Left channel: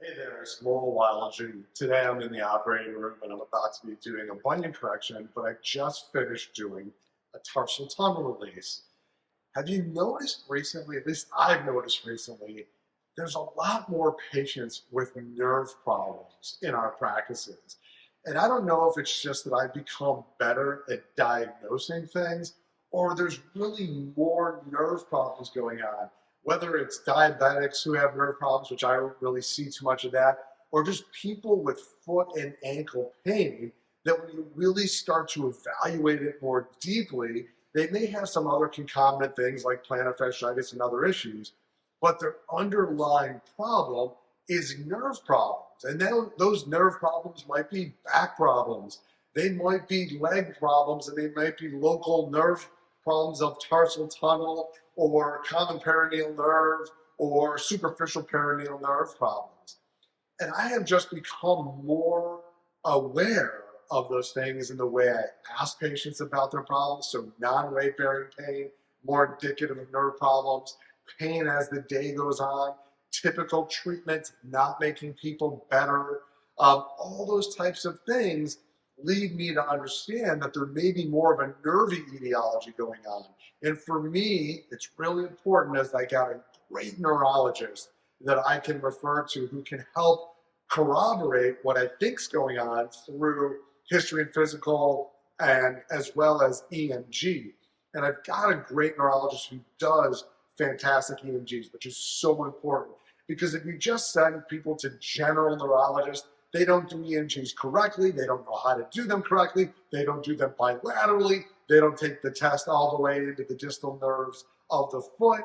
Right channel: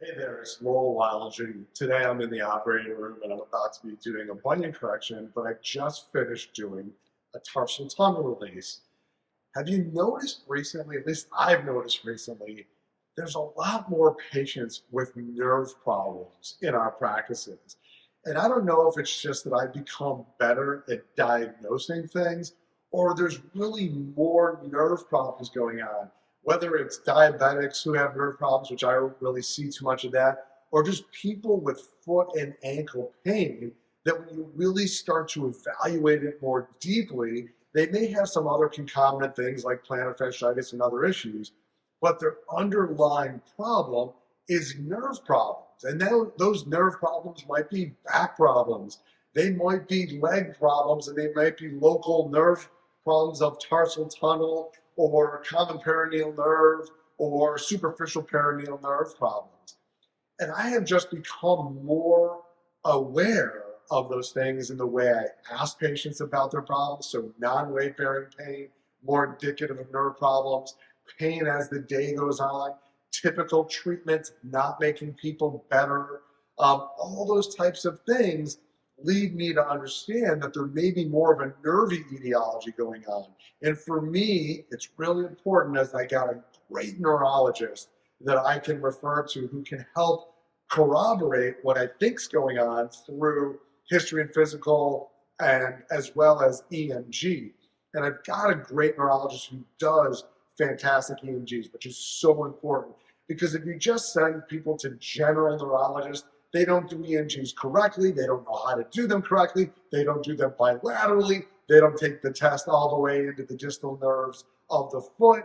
Hey there, it's Lowell Wilegy. Today I'm in the operating room and I'm about to be doing a bunion correction, but I just finished doing a tarsal tunnel release. Have you noticed recently, at least I've noticed recently, there's a lot more patients with nerve problems in our practices. And I don't know if it's just that I've become better at diagnosing things or there's really more nerve problems going on, whether it's diabetics who have nerve problems, which I don't really see too much of that, or just people with foot and ankle pain that when you really start to evaluate it more deeply, they may have some other concomitant things like plantar fasciitis and other issues, but their underlying problem is nerve problems. And now those nerve problems might be back problems. They might be leg problems, and they might be local nerve problems of tarsal tunnel or common peroneal nerve or superficial peroneal nerve problems. And I have just become more aware of those things in the way I ask patients about their problems. So, non weight bearing pain, more indicative of nerve problems, pain as the day goes on, typical treatments not making people better. All those types of things lead me to understand that there may be more of a nervy etiology going on. And for me, it's really important as I got a great neurologist that I can refer to who can help corroborate what I think's going on through history and physical and as well as EMG. And I've got a great neurologist who does fantastic EMGs, which is so important because if you just send people to general neurologists, they don't do EMGs correctly, they don't know how to do them correctly, they don't do them bilaterally, they don't take the test all the way into the distal nerves of the foot,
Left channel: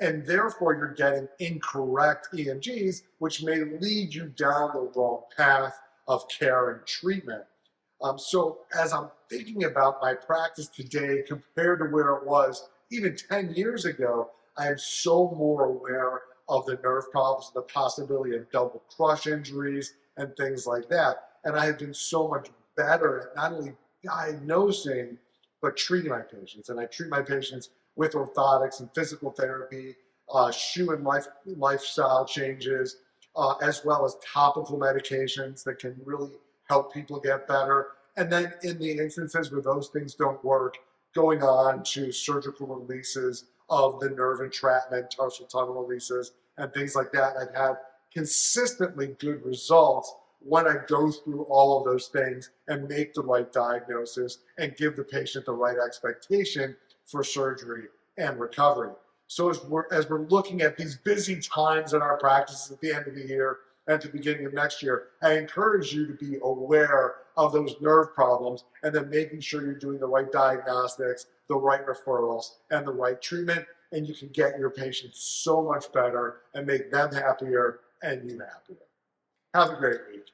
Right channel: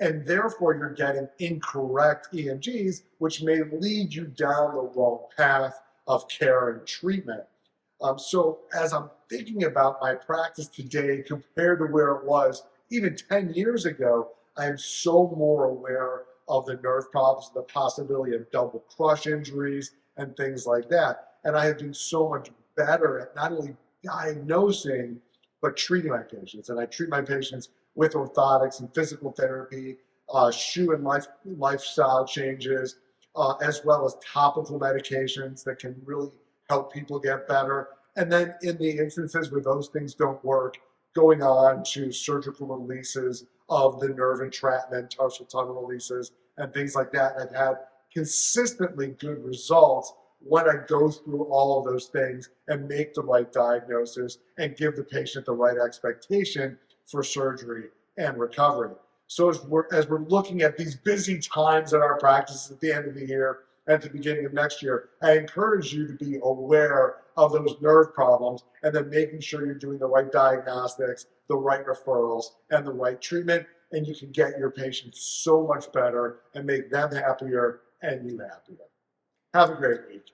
and therefore you're getting incorrect EMGs, which may lead you down the wrong path of care and treatment. So as I'm thinking about my practice today compared to where it was even 10 years ago, I am so more aware of the nerve problems, the possibility of double crush injuries and things like that. And I have been so much better at not only diagnosing, but treating my patients. And I treat my patients with orthotics and physical therapy, shoe and lifestyle changes, as well as topical medications that can really help people get better. And then in the instances where those things don't work, going on to surgical releases of the nerve entrapment, tarsal tunnel releases, and things like that. I've had consistently good results when I go through all of those things and make the right diagnosis and give the patient the right expectation for surgery and recovery. So as we're looking at these busy times in our practices at the end of the year and at the beginning of next year, I encourage you to be aware of those nerve problems and then making sure you're doing the right diagnostics, the right referrals, and the right treatment. And you can get your patients so much better and make them happier and you happier. Have a great week.